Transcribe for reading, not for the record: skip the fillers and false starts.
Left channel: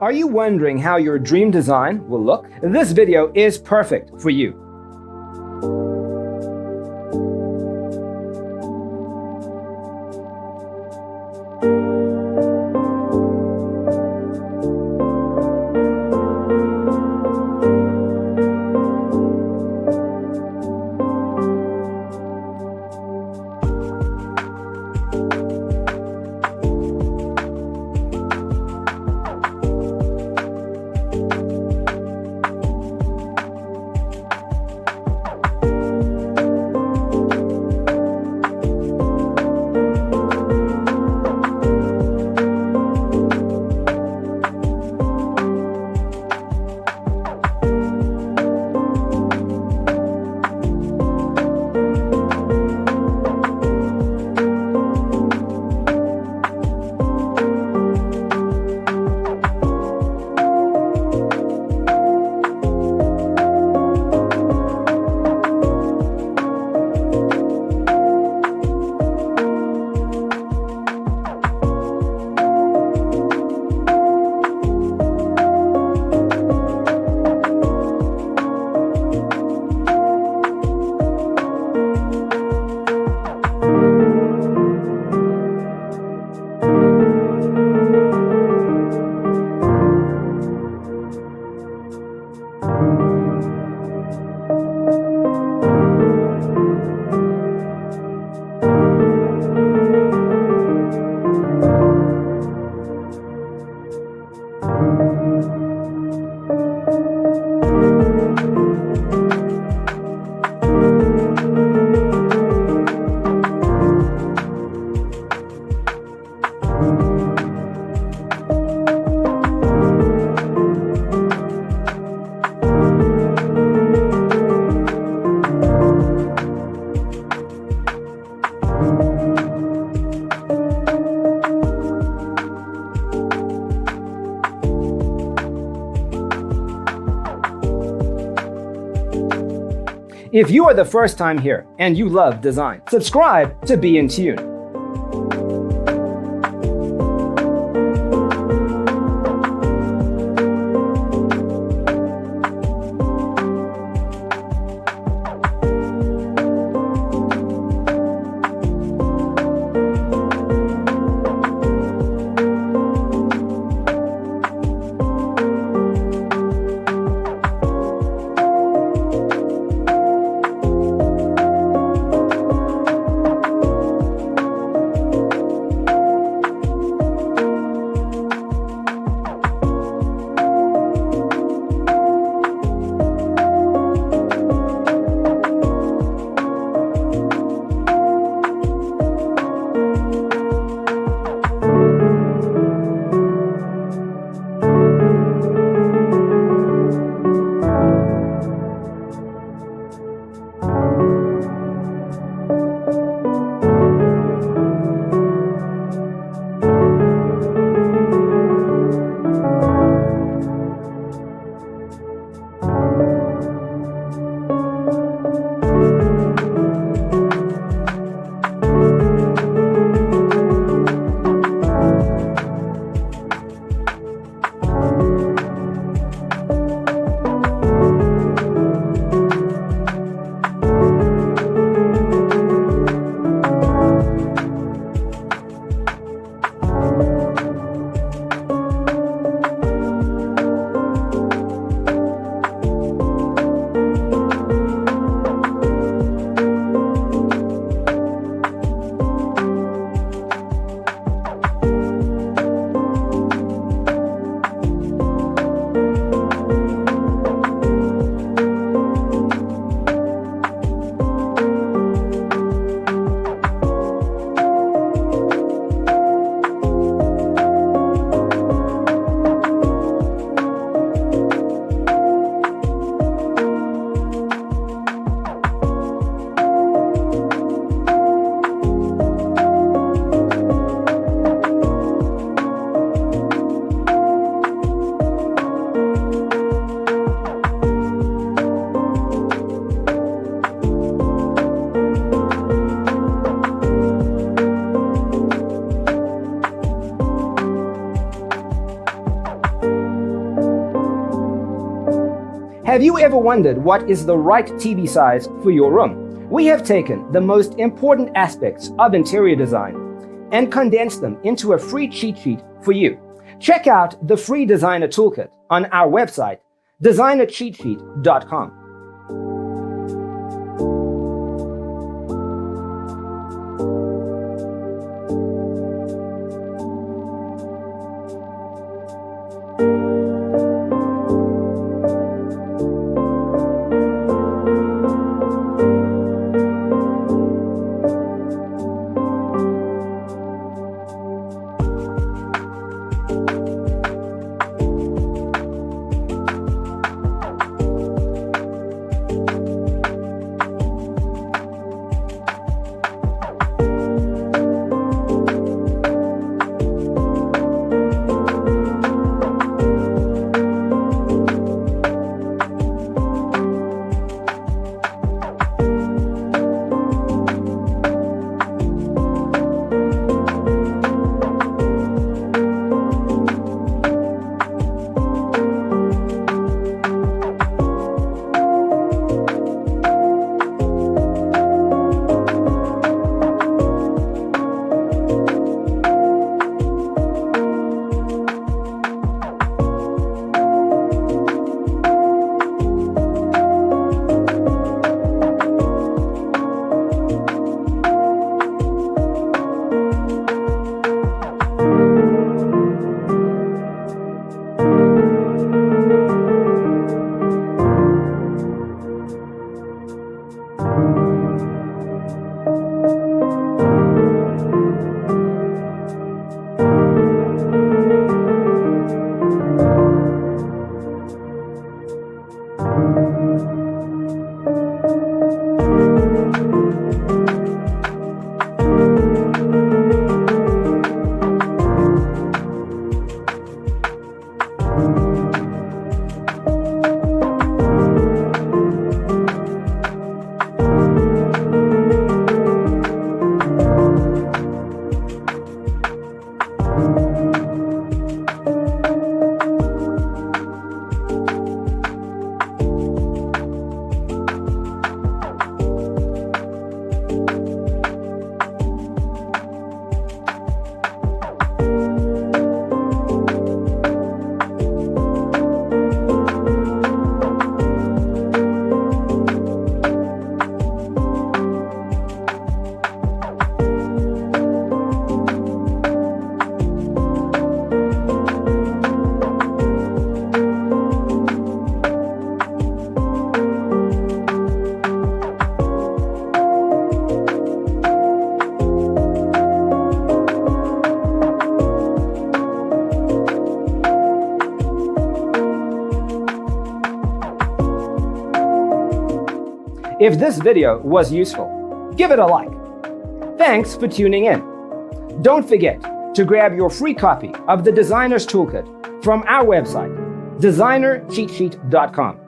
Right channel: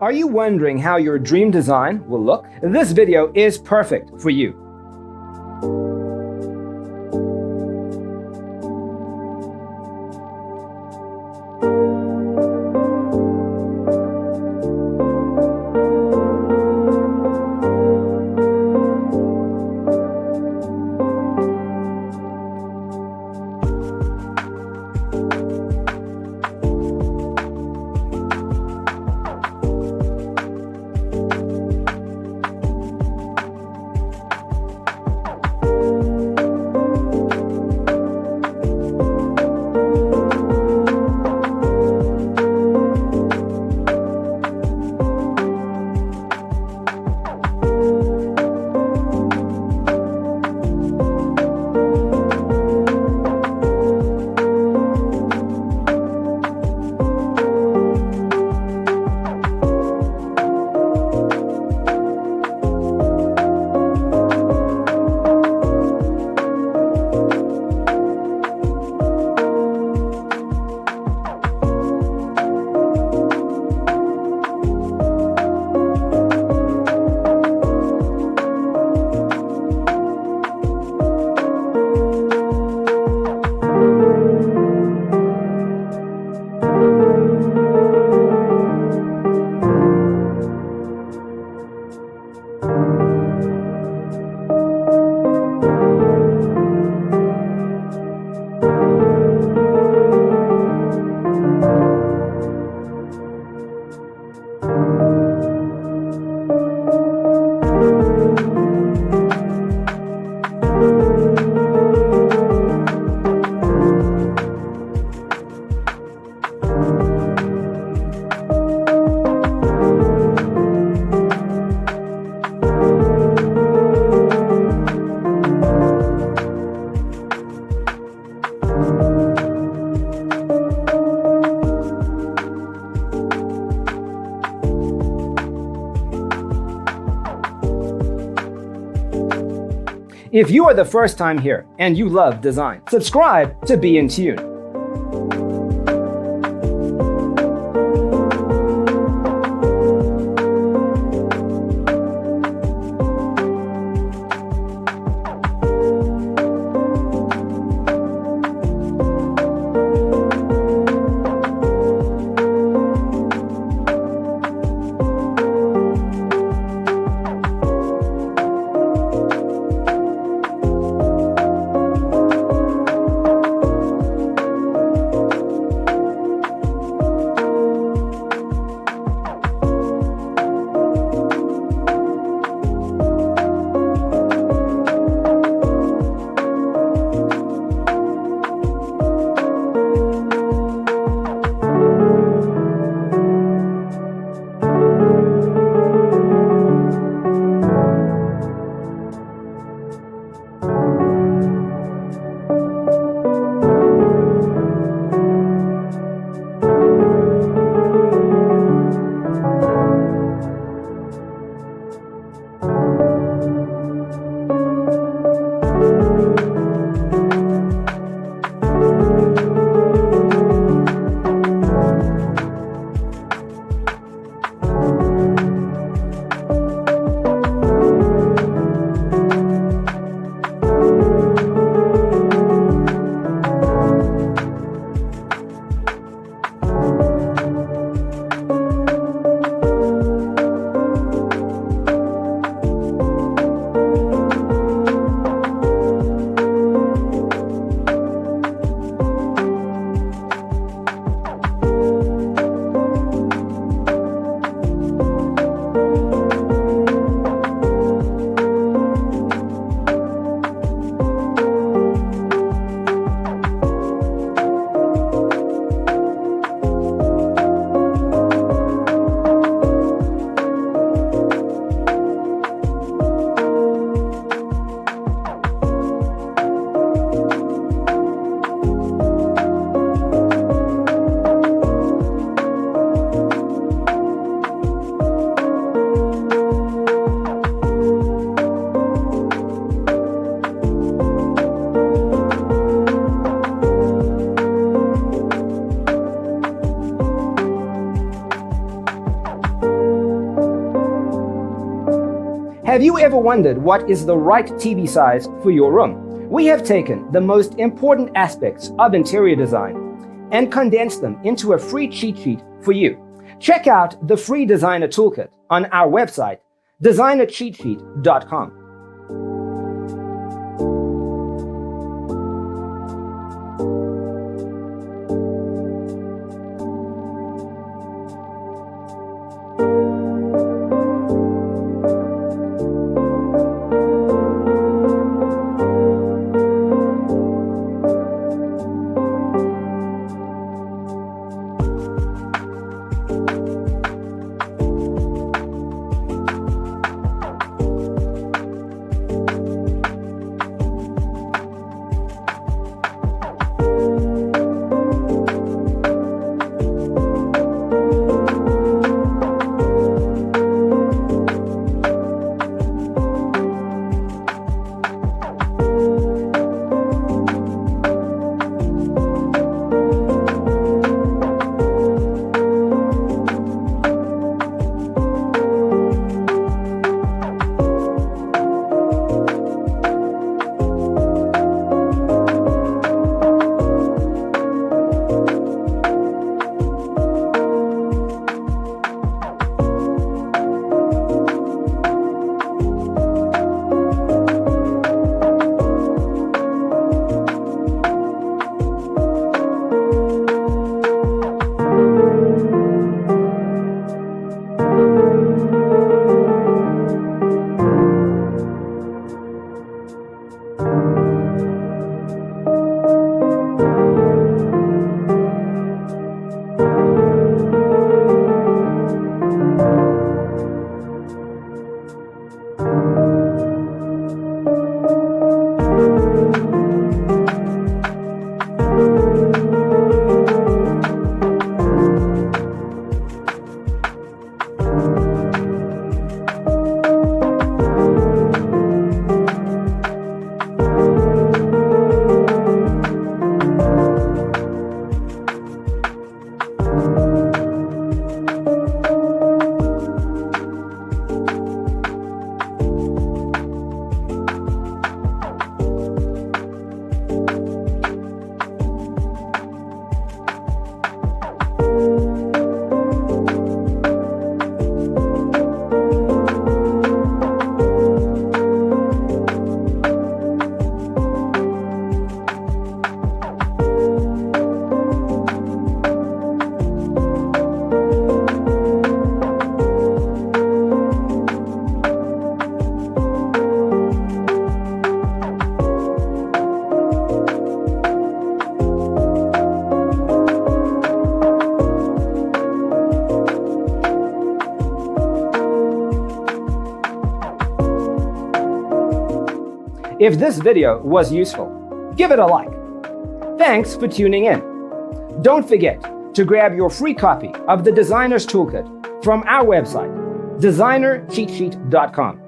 Are you wondering how your dream design will look? This video is perfect for you. If you are the first time here and you love design, subscribe to Be in Tune. Have you ever wondered what is the right TV size for your room? We have taken the most important aspects of interior design and condensed them into a free cheat sheet for you. Check out the free designer toolkit on our website, designercheatsheet.com. If this video was useful, give it a like. Thanks for tuning in. Don't forget to grab your free copy of the Designer's Toolkit from our website, designercheatsheet.com.